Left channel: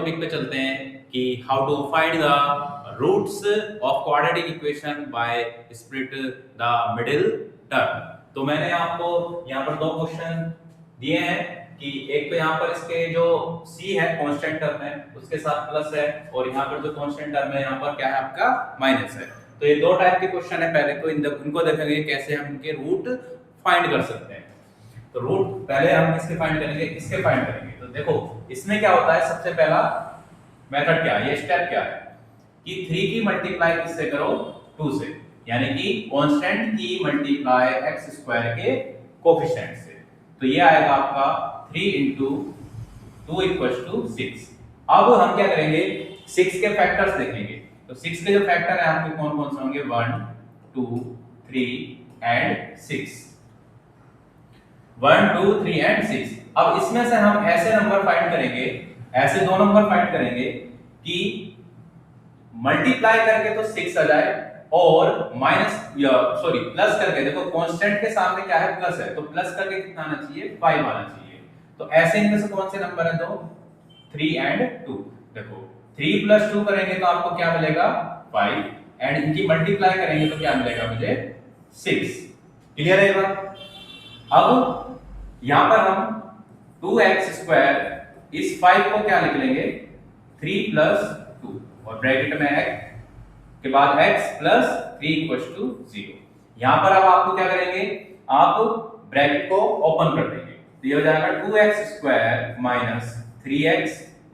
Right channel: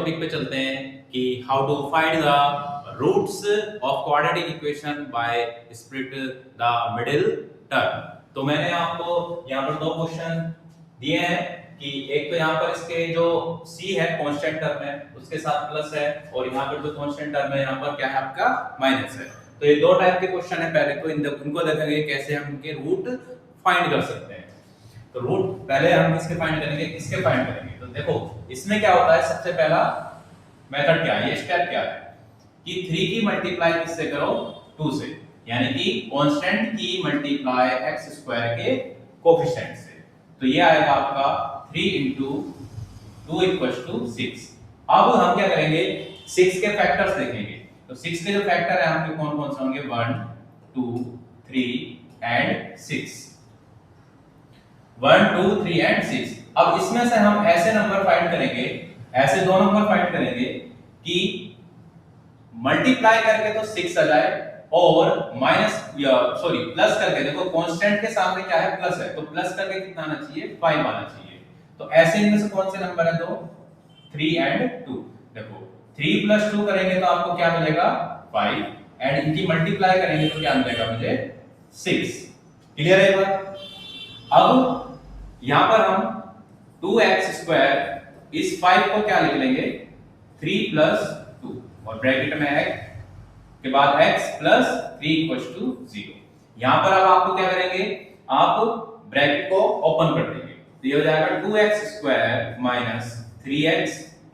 Topic पे चलते हैं कि how to find the roots of quadratic equation by split the middle term. तो मैंने आपको यहाँ पर दो क्वेश्चन दिए हैं कि एक तो यहाँ पर इसके जो c है कांस्टेंट टर्म है उसके साथ प्लस है, और यहाँ पर जो कांस्टेंट टर्म है यहाँ पर क्या है आपका माइनस है। तो ये दो टाइप के क्वेश्चन है। पहले तो इनको देखेंगे कैसे हम इनके रूट फाइंड कर सकते हैं। तो रूट पहले हम किसके फाइंड करेंगे, इसके फाइंड करेंगे। तो देखो इसमें क्या होता है, सबसे पहला मेथड क्या है, ये स्टेप क्या है कि 3 की मल्टीप्लाई किससे करो, 2 से, यानी कि कांस्टेंट की मल्टीप्लाई x स्क्वायर के कोएफिशिएंट से। तो ये आएगा आपका 3 into 2 = 6। अब हम क्या करेंगे, 6 के फैक्टर्स देखेंगे। तो 6 के जो फैक्टर है आपके कौन कौन से होंगे, 1 2 3 एंड 6, 1 2 3 एंड 6। अब इसमें से हम ऐसे नंबर फाइंड करेंगे, ऐसे दो नंबर फाइंड करेंगे कि मल्टीप्लाई करके तो 6 आ जाए और प्लस करके, देखो कांस्टेंट के सामने क्या है, प्लस है, तो प्लस करके कितना आना चाहिए, 5 आना चाहिए। तो ऐसे इनमें से कौन से नंबर है, दो, 3 एंड 2। देखो 3 + 2 करेंगे तो आपको क्या मिलेगा, 5, एंड इनकी मल्टीप्लाई करेंगे तो क्या मिलेगा मुझे, 6। क्लियर है बात। अब यहां पर हम 2x² इस 5 को क्या लिख लेंगे, 3 + 2, और ब्रैकेट में x के बाद x + 3 = 0। यहां पर अब आपको क्या करेंगे, आप ब्रैकेट को ओपन कर देंगे, तो ये हो जाएगा 2x² - 3x,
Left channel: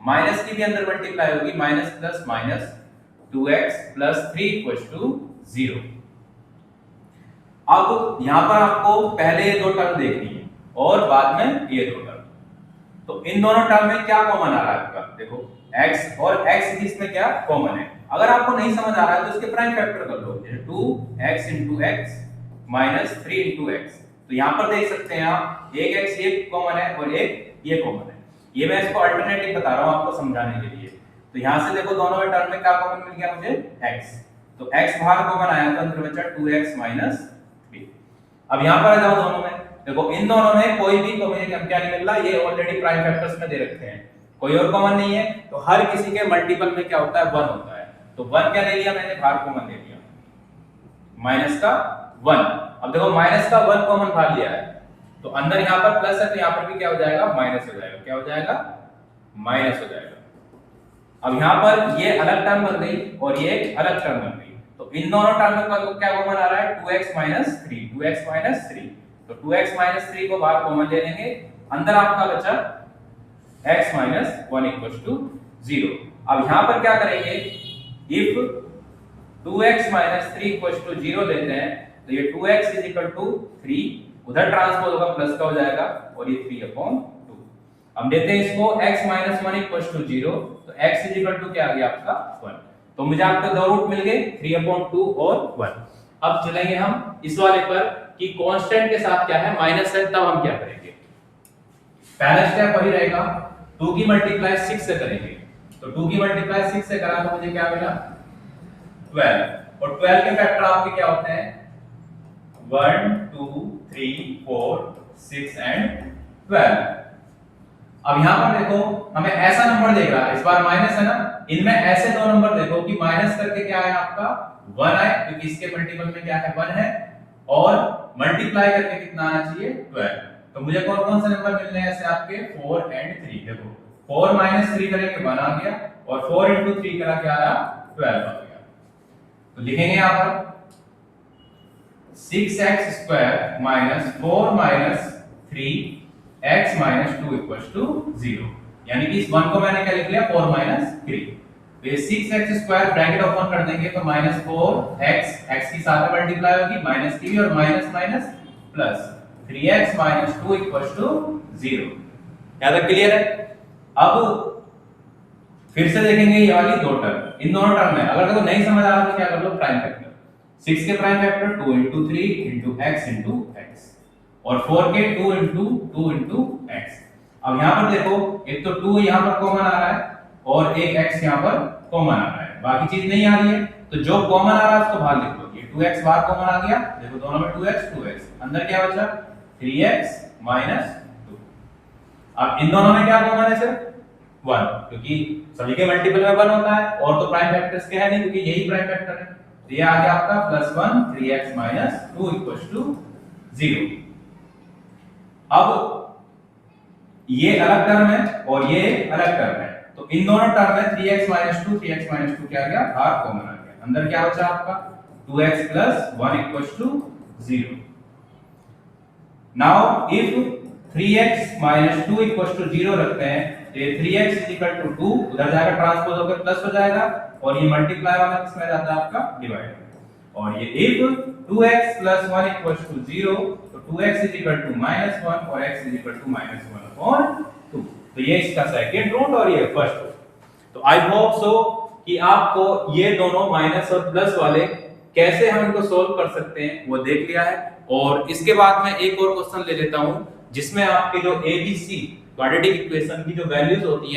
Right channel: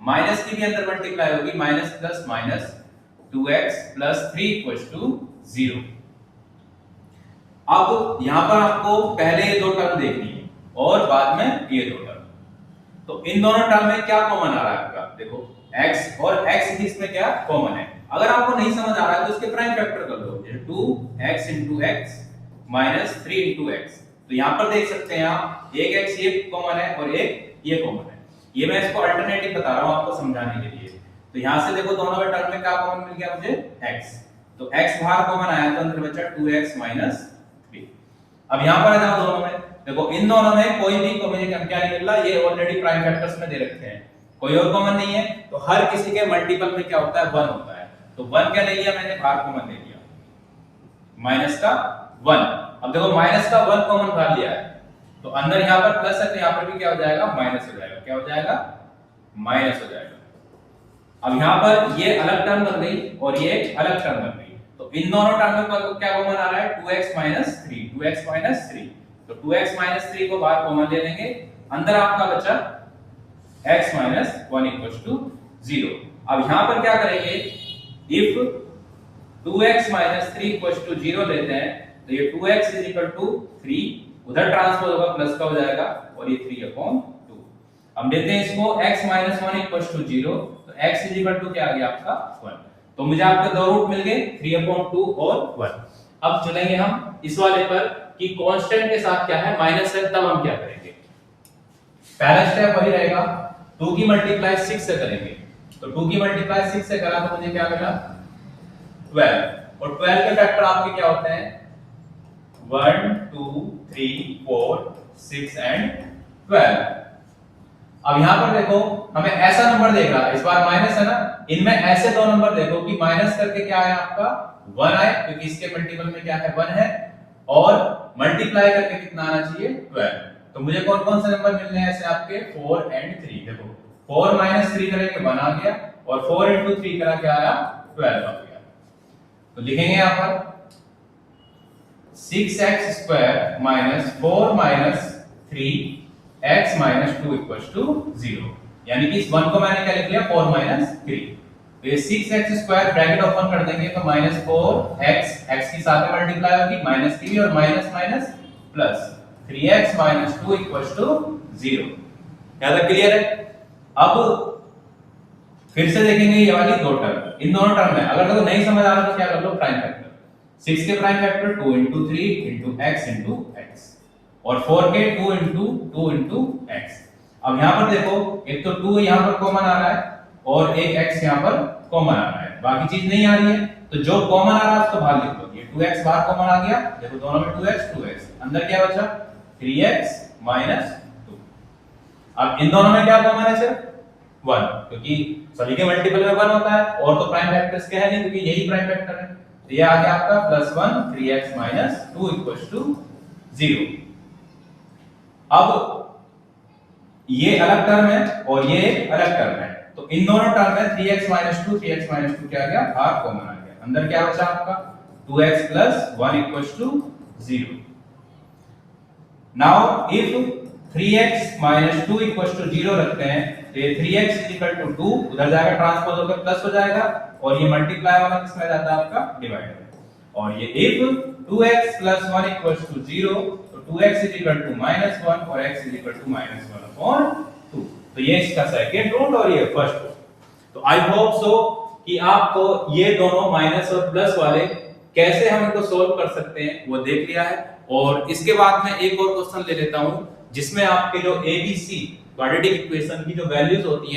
माइनस की भी अंदर मल्टीप्लाई होगी, माइनस प्लस माइनस, 2x + 3 = 0। अब यहां पर आपको पहले ये दो टर्म देखनी है और बाद में ये दो टर्म। तो इन दोनों टर्म में क्या कॉमन आ रहा है आपका, देखो x और x इसमें क्या कॉमन है। अगर आपको नहीं समझ आ रहा है तो इसके प्राइम फैक्टर कर लो, जैसे 2x * x - 3 * x। तो यहां पर देख सकते हैं आप, एक x ये कॉमन है और एक ये कॉमन है। ये मैं इसको अल्टरनेटिव बता रहा हूं आपको समझाने के लिए। तो यहां से देखो दोनों में टर्म में क्या कॉमन मिल गया मुझे, x। तो x बाहर कॉमन आया तो अंदर बचा 2x - 3। अब यहां पर आ जाओ दोनों में, देखो इन दोनों में कोई भी तो मुझे क्या नहीं मिल रहा, ये ऑलरेडी प्राइम फैक्टर्स में दे रखे हैं, कोई और कॉमन नहीं है। तो हर किसी के मल्टीपल में क्या होता है, 1 होता है। तो 1 क्या ले लिया मैंने, बाहर कॉमन ले लिया, माइनस का 1। अब देखो माइनस का 1 कॉमन बाहर लिया है, तो अंदर यहां पर प्लस है तो यहां पर भी क्या हो जाएगा, माइनस हो जाएगा। क्या हो जाएगा, माइनस हो जाएगा। अब यहां पर ये अलग टर्म बन गई और ये एक अलग टर्म बन गई। तो इन दोनों टर्म में क्या कॉमन आ रहा है, 2x - 3, 2x - 3। तो 2x - 3 को बाहर कॉमन ले लेंगे, अंदर आपका बचा x - 1 = 0। अब यहां पर क्या करेंगे, इफ 2x - 3 = 0 लेते हैं तो ये 2x = 3, उधर ट्रांसपोज होगा, प्लस का हो जाएगा, और ये 3/2। हम देते हैं इसको x - 1 = 0, तो x = क्या आ गया आपका 1। तो मुझे आपके दो रूट मिल गए, 3/2 और 1। अब चलेंगे हम इस वाले पर कि कांस्टेंट के साथ क्या है, माइनस है, तब हम क्या करेंगे। पहला स्टेप वही रहेगा, 2 की मल्टीप्लाई 6 से करेंगे। तो 2 की मल्टीप्लाई 6 से करा तो मुझे क्या मिला, 12। और 12 के फैक्टर आपके क्या होते हैं, 1 2 3 4 6 एंड 12। अब यहां पर देखो हमें ऐसा नंबर देख रहा है, इस बार माइनस है ना, इनमें ऐसे दो नंबर देखो कि माइनस करके क्या है आपका 1 आए, क्योंकि इसके मल्टीपल में क्या है 1 है, और मल्टीप्लाई करके कितना आना चाहिए, 12। तो मुझे कौन कौन से नंबर मिलने हैं ऐसे आपके, 4 एंड 3। देखो 4 - 3 करेंगे 1 आ गया, और 4 * 3 करा क्या आया, 12 आ गया। तो लिखेंगे यहां पर 6x² - 4 - 3x - 2 = 0। यानी कि इस 1 को मैंने क्या लिख लिया, 4 - 3। तो ये 6x² ब्रैकेट ओपन कर देंगे तो -4x, x की साथ में मल्टीप्लाई होगी, माइनस की भी, और माइनस माइनस प्लस, 3x - 2 = 0। क्या तक क्लियर है। अब फिर से देखेंगे ये वाली दो टर्म, इन दोनों टर्म में अगर देखो नहीं समझ आ रहा तो क्या कर लो, प्राइम फैक्टर। 6 के प्राइम फैक्टर 2 * 3 * x * x, और 4 के 2 * 2 * x। अब यहां पर देखो एक तो 2 यहां पर कॉमन आ रहा है और एक x यहां पर कॉमन आ रहा है, बाकी चीज नहीं आ रही है। तो जो कॉमन आ रहा है उसको बाहर लिख लो, ये 2x बाहर कॉमन आ गया, देखो दोनों में 2x, अंदर क्या बचा, 3x - 2। अब इन दोनों में क्या कॉमन है, सिर्फ 1, क्योंकि सभी के मल्टीपल में 1 होता है, और तो प्राइम फैक्टर्स के है नहीं, क्योंकि यही प्राइम फैक्टर है। तो ये आ गया आपका +1 3x - 2 = 0। अब ये अलग टर्म है और ये एक अलग टर्म है, तो इन दोनों टर्म में 3x - 2 क्या आ गया, बाहर कॉमन आ गया। अंदर क्या बचा आपका 2x + 1 = 0। नाउ इफ 3x - 2 = 0 रखते हैं, तो ये 3x = 2 उधर जाएगा, ट्रांसपोज होकर प्लस हो जाएगा, और ये मल्टीप्लाई वाला किसमें जाता है आपका, डिवाइड में। और ये इफ 2x + 1 = 0, तो 2x = -1 और x = -1/2। तो ये इसका सेकंड रूट और ये फर्स्ट रूट। तो आई होप सो कि आपको ये दोनों माइनस और प्लस वाले कैसे हम इनको सोल्व कर सकते हैं वो देख लिया है। और इसके बाद मैं एक और क्वेश्चन ले लेता हूं, जिसमें आपके जो ABC क्वाड्रेटिक इक्वेशन की जो वैल्यूज होती हैं